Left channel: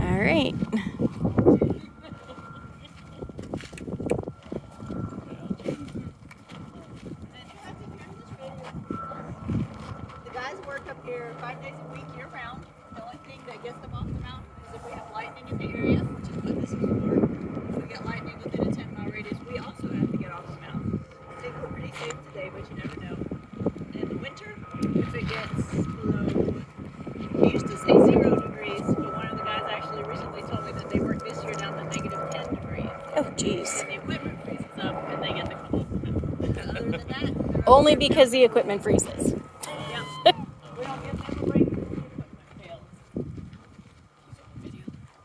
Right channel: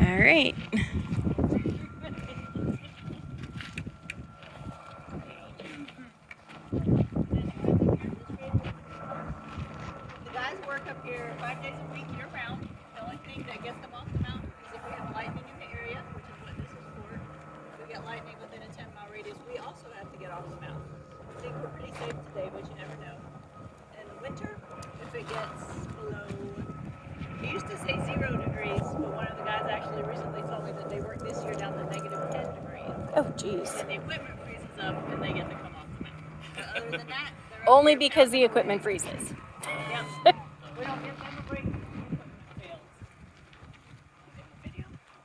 All right. The guys work up here 5 days a week year round. The only thing that gets them off the mountain is if we have lightning in the area, which is what this is for. If we get lightning within a 10-mile radius, we also have to get off the mountain. I think we're pretty safe today, but you never know. In the winter, if it gets below, we used to say 0 degrees, but one of the guys actually recently told me that they worked this year down to negative 10 degrees. Oh, geez. And the equipment freezes up and they get to come off the mountain. Other than that, Only because the equipment freezes. yep. We don't give them a break because the equipment fails.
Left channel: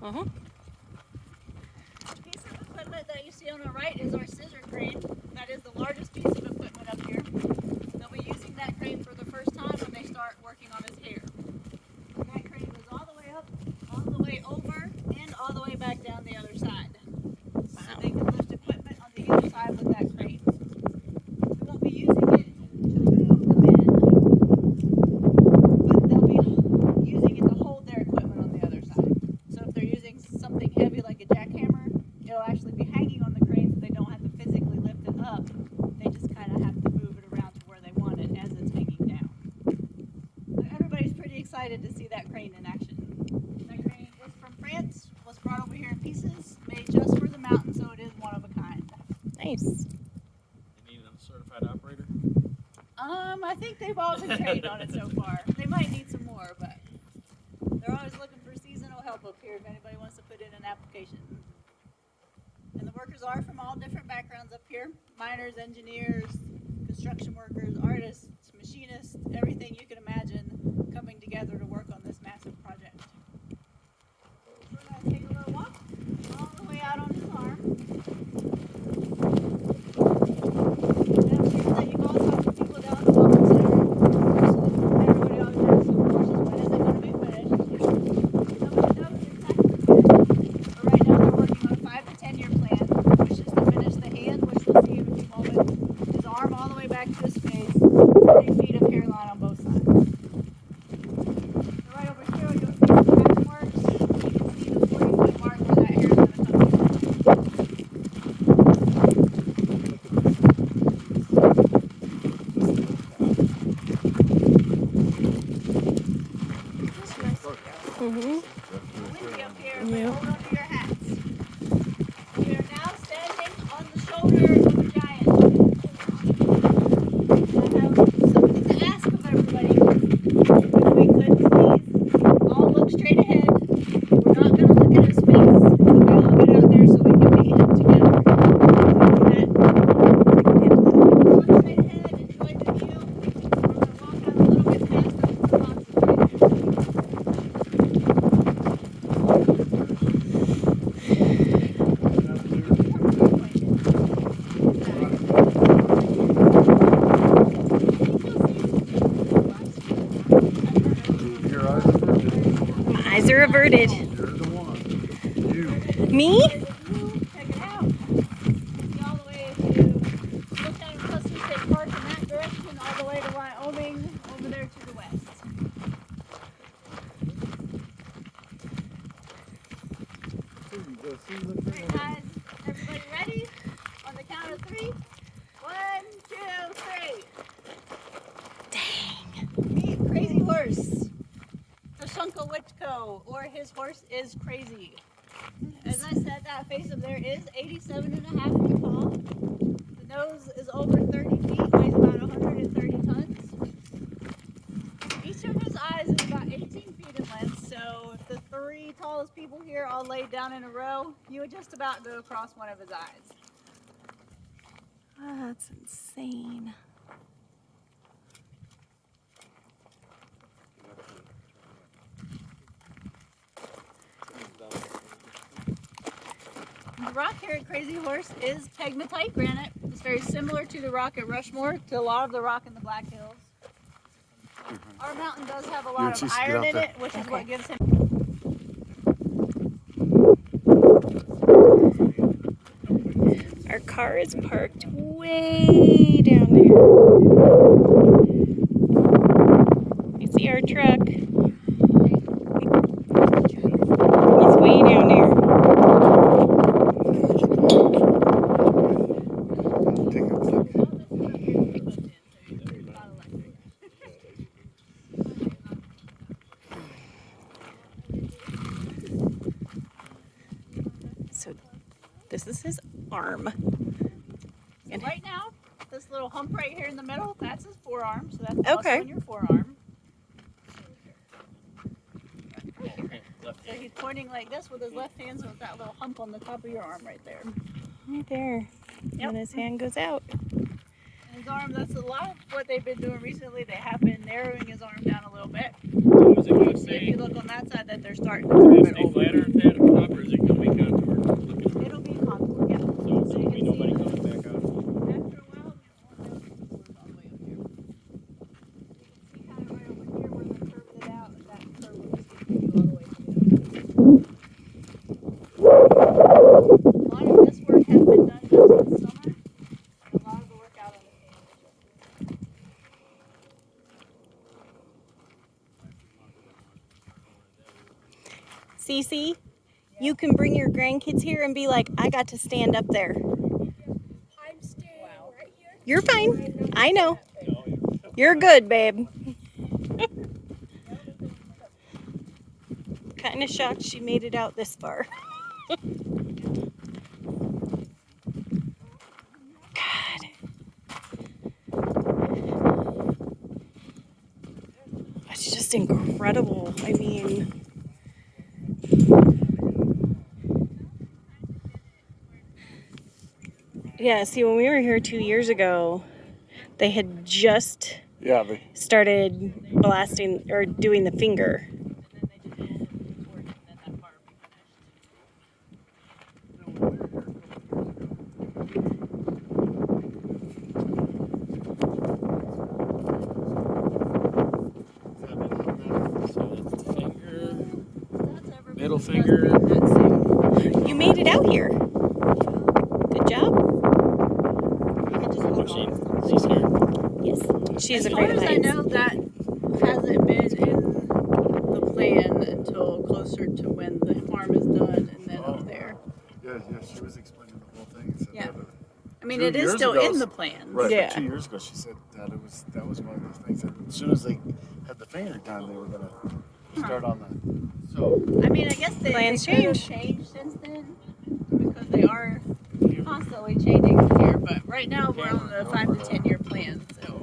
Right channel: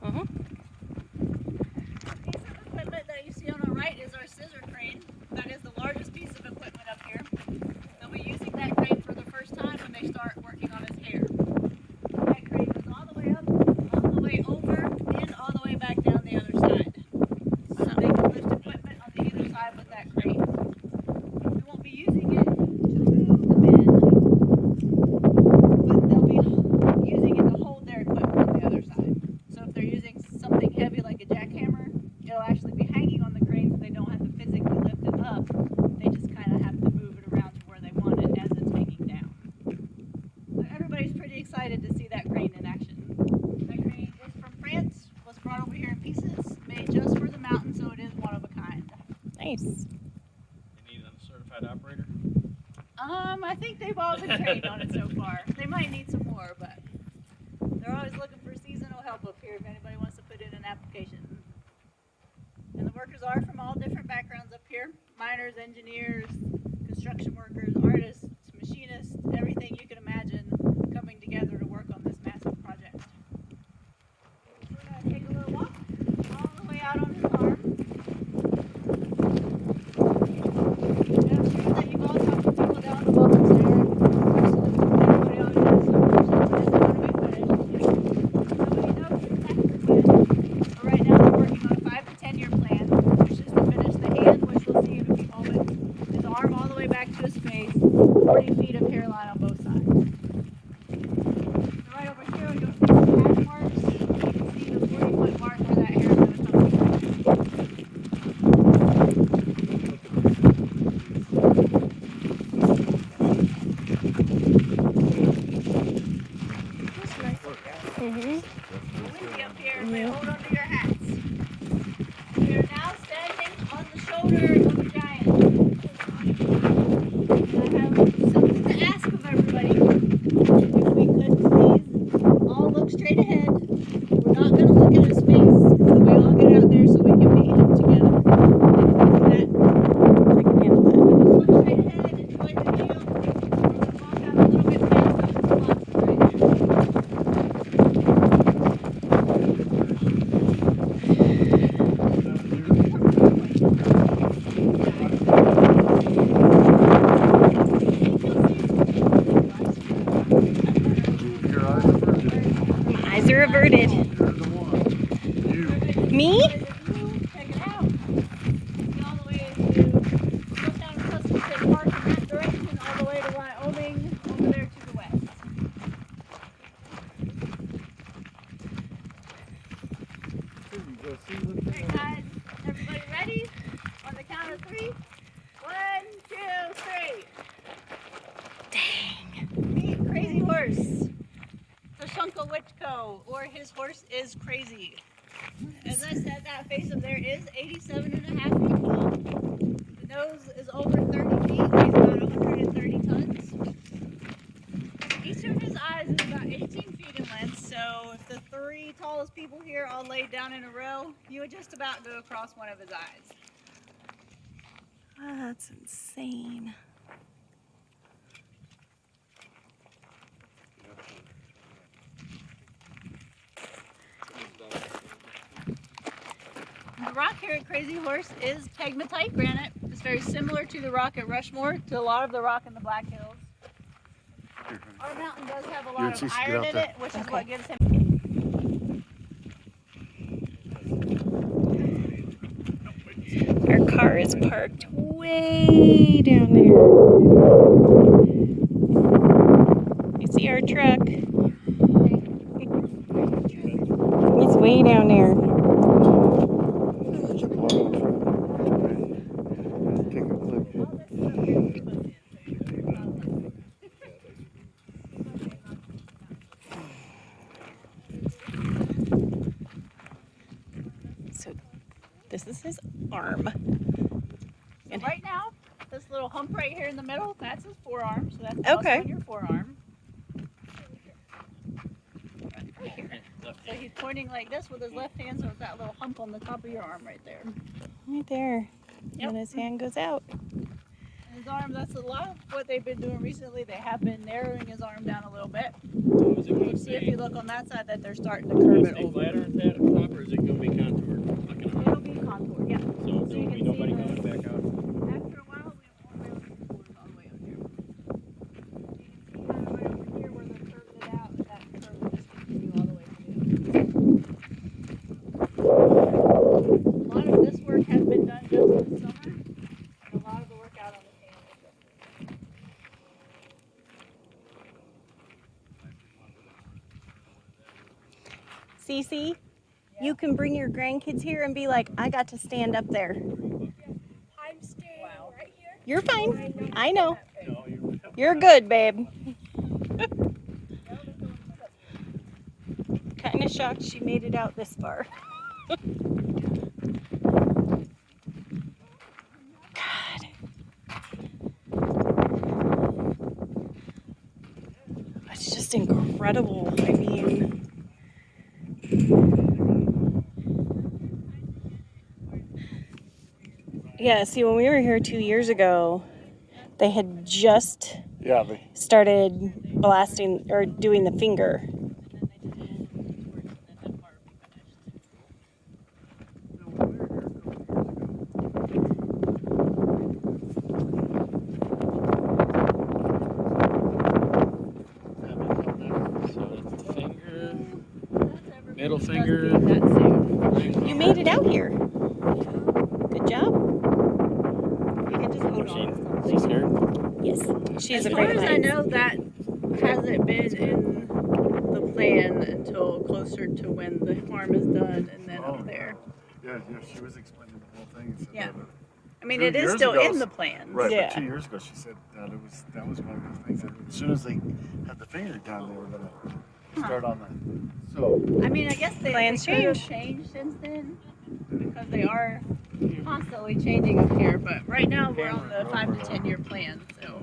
Mm-hmm. Piece of equipment that you see on the right is our scissor crane. That is the largest piece of equipment up here. They'll be using that crane for the first time when they start working on his hair. That crane goes all the way up, all the way over, and all the way back down the other side. So they can lift equipment on the either side with that crane. We won't be using it to move the men, but they'll be using it to hold their equipment on the other side. So if they're using something heavy like a jackhammer, it'll actually be hanging on the crane so they don't have to physically lift it up. They just kind of have to move it around to where they want it as it's hanging down. So everybody's pretty excited to see that crane in action. That crane is from France, was brought over here in pieces, made just for the mountain, so it is one of a kind. Nice. You need a certified operator? I think they've all been trained on it so far. They might need some more, but they're always looking for seasonal help up here if anybody wants to put in an application. And the workers are from all different backgrounds up here. Miners, engineers, construction workers, artists, machinists, everything you can imagine coming together to work on this massive project. We're going to take a little walk all the way out on his arm. And I'm sure that you've all talked to people down at the Welcome Center. Everybody always wants some questions when it's going to be finished. Nobody knows exactly yet. But right now they're working on a 5 to 10 year plan, which is to finish the hand, which you'll see in a few moments. His arm all the way back to his face, 40 feet of hair line on both sides. So right over here, you'll see the hash marks. You can see the 40-foot mark where that hair is going to come from. Mm-hmm. Windy up here, but hold on to your hats. We are now standing on the shoulder of a giant. I have something to ask of everybody. If we could please all look straight ahead. We're not going to look at his face, but we all get out there so we can meet him together. Look straight ahead and try to feel. We're going to walk out a little bit faster than concentrate. Eyes are averted. Me? Check it out. See all the way to Spokane, plus you take Park in that direction, all the way to Wyoming, over there to the west. Okay, guys, everybody ready? On the count of 3. 1, 2, 3. Dang. Meet Crazy Horse. Tashunka Lichko, or his horse is crazy. As I said, that face of there is 87.5 feet tall. The nose is over 30 feet, weighs about 130 tons. Each of his eyes is about 18 feet in length, so if the 3 tallest people here all laid down in a row, you would just about go across one of his eyes. Oh, that's insane. The rock here at Crazy Horse is pegmatite granite. It's very similar to the rock at Rushmore, to a lot of the rock in the Black Hills. Our mountain does have a lot of iron in it, which is what gives him. Our car is parked way down there. You see our truck. way down there. So this is his arm. So right now, this little hump right here in the middle, that's his forearm. So that's Okay. muscle in your forearm. Left So he's pointing like this with his left hand, so it's that little hump on the top of your arm right there. Right there. Yep. And his hand goes out. And his arm, that's a lot of what they've been doing recently. They have been narrowing his arm down a little bit. What was it gonna If say? you look on that side, that they're starting to curve it Stay over. flatter at that top, or is it gonna be contoured? It'll be hump, yeah. So you we can nobody see comes back out. after a while, we won't be able to see it all the way up here. You can see kind of right over here where they curved it out, and that curve just continues all the way to the end. A lot of this work has been done just this summer. A lot of the work out on the canvas. Cece, you can bring your grandkids here and be like, I got to stand up there. I'm staying right here. You're fine. I know. No, You're good, babe. Kind of shocked she made it out this far. God. It's just incredible. I mean, yeah, see, when we were here 2 years ago, they had just Yeah, started blasting or doing the finger. middle finger. You made it out here. Good job. She's here. Yes, she's As afraid of far as I heights. know, that hasn't been in the plan until closer to when the farm is done and then Oh, up there. yeah, she was explaining the whole thing. And said Yeah. that it- I mean, 2 it is years still ago, in the plan. right, Yeah. but 2 years ago she said that that was one of those things. And as soon as they had the finger done, they were gonna start on the. So I mean, I guess Plans they could have change. changed since then because they are constantly changing up here. But right now, we're on the 5 to 10 year plan, so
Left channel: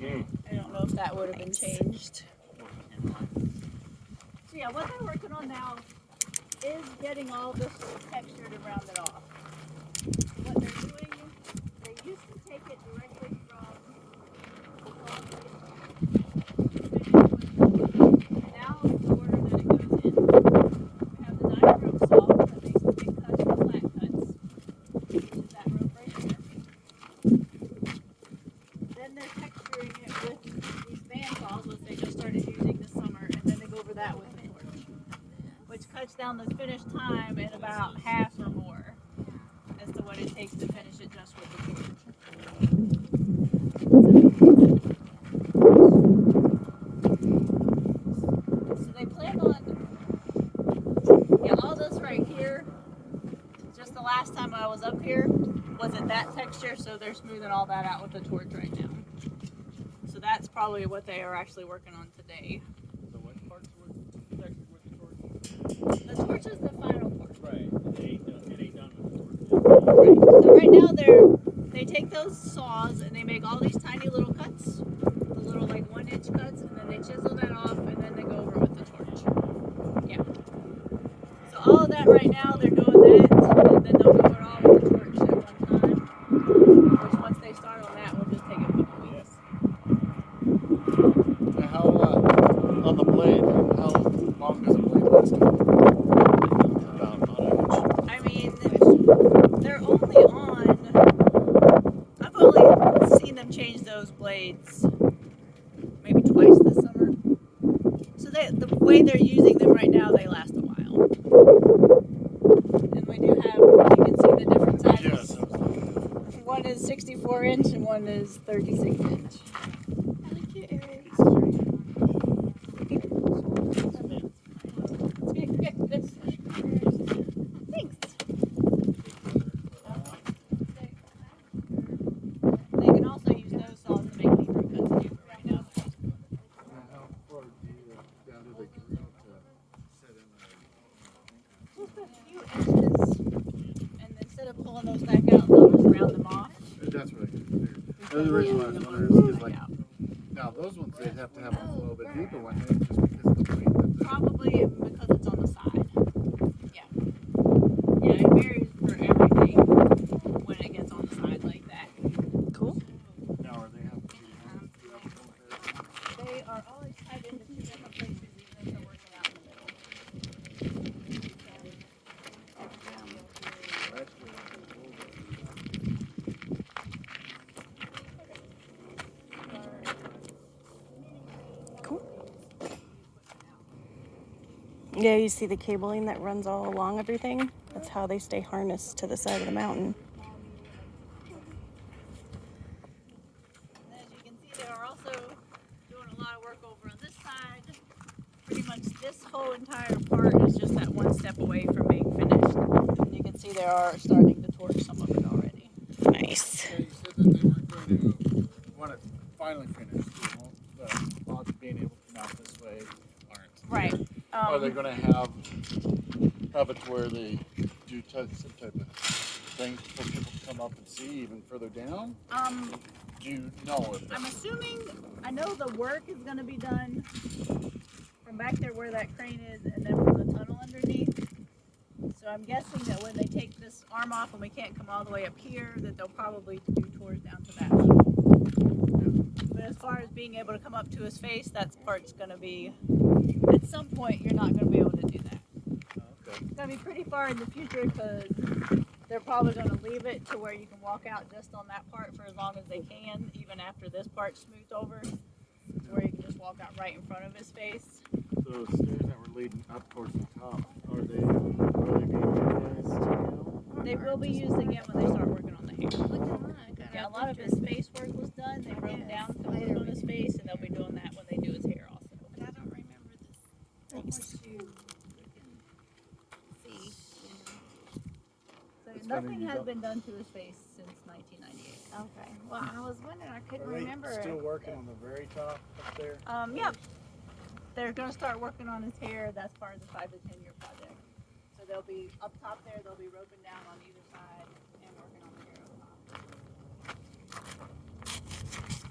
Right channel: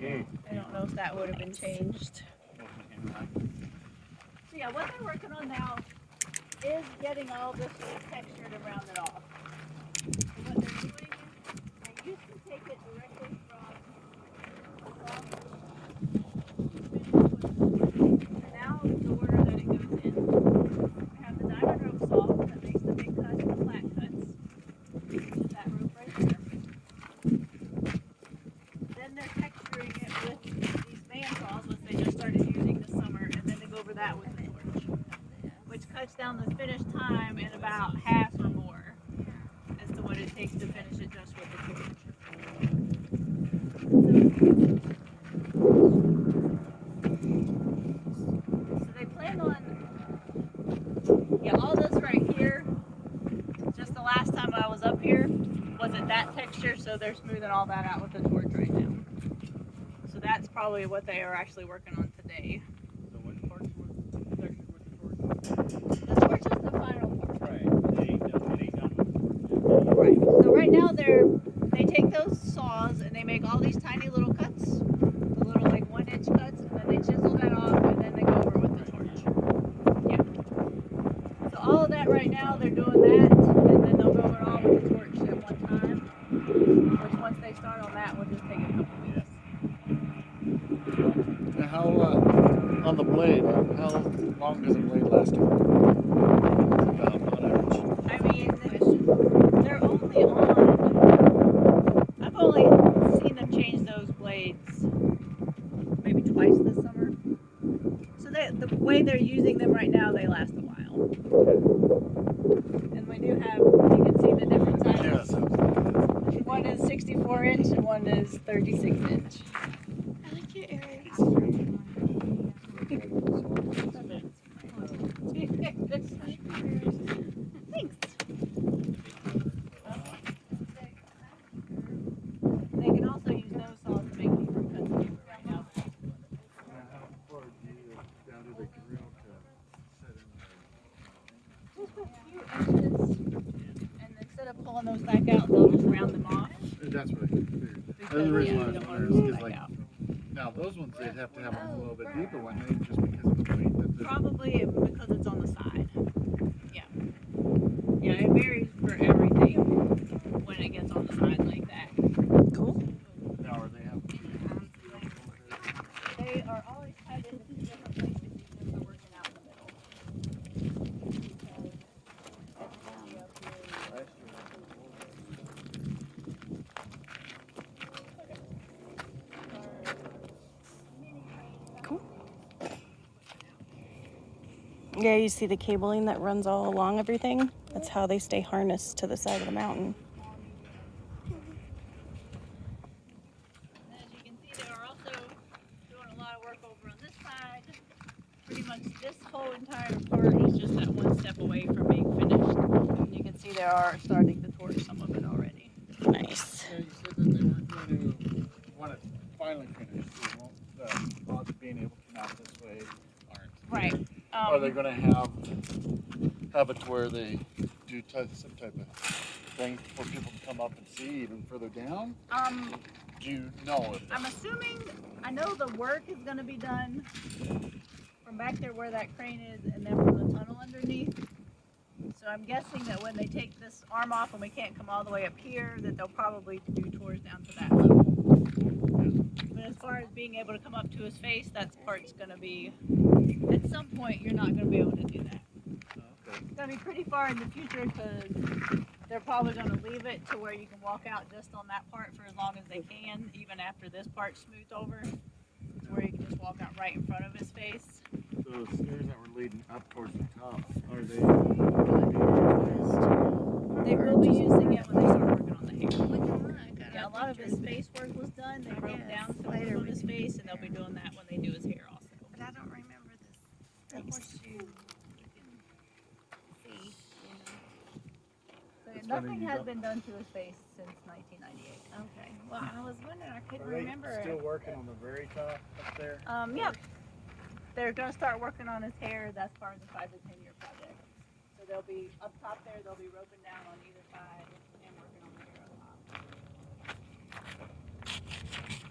I don't know if that would have been changed. So yeah, what they're working on now is getting all this textured and rounded off. What they're doing is they used to take it directly from and now the order that it goes in. We have the diamond rope saw that makes the big cuts and the flat cuts. Which is that rope right there. Then they're texturing it with these band saws, which they just started using this summer, and then they go over that with the torch, which cuts down the finished time in about half or more as to what it takes to finish it just with the torch. So they plan on, yeah, all this right here, just the last time I was up here, wasn't that texture, so they're smoothing all that out with the torch right now. So that's probably what they are actually working on today. So what parts were textured with the torch? The torch is the final part. Right. It ain't done with Right. So right now they take those saws and they make all these tiny little cuts, the little like 1-inch cuts, and then they chisel that off and then they go over with the torch. Yeah. So all of that right now they're doing that and then they'll go it all with the torch at one time. Which once they start on that will just take a couple weeks. now how on the blade? How long does a blade last? About on average. I mean, they're only on. I've only seen them change those blades maybe twice this summer. So the way they're using them right now, they last a while. And we do have, you can see the different Yeah, sizes. so One is 64 inch and one is 36 inch. I like your earrings. the Yeah, reason why I was you wondering is wanna because back like out. now those ones they'd have to have them a little bit deeper, wouldn't they? Just because of the weight that the Probably because it's on the side. Yeah. Yeah, it varies for everything when it gets on the side like that. Cool. now are they have They are always headed in two different places, even if we're working out in the middle. Cool. Yeah, you see the cabling that runs all along everything? That's how they stay harnessed to the side of the mountain. As you can see, they are also doing a lot of work over on this side. Pretty much this whole entire part is just that one step away from being finished. And you can see they are starting to torch some of it already. Nice. Yeah, you said that they were going to, when it's finally finished, they won't, the lots being able to mount this way aren't. Right. Are they going to have it to where they do some type of thing for people to come up and see even further down? Do you know if I'm assuming, I know the work is going to be done from back there where that crane is and then from the tunnel underneath. So I'm guessing that when they take this arm off and we can't come all the way up here, that they'll probably do tours down to that level. But as far as being able to come up to his face, that part's going to be, at some point, you're not going to be able to do that. Okay. It's going to be pretty far in the future because they're probably going to leave it to where you can walk out just on that part for as long as they can, even after this part's smoothed over, where you can just walk out right in front of his face. So the stairs that were leading up towards the top, are they? They will be using it when they start working on the hair. Yeah, a lot of his face work was done. They wrote down something on his face, and they'll be doing that when they do his hair also. But I don't remember this. The horseshoe, you can see, you know. So It's nothing funny, you has don't- been done to his face since 1998. Okay. Well, I was wondering. I couldn't Are they remember. still working on the very top up there? Yeah. They're going to start working on his hair. That's part of the 5 to 10 year project. So they'll be up top there. They'll be roping down on either side and working on the hair up top.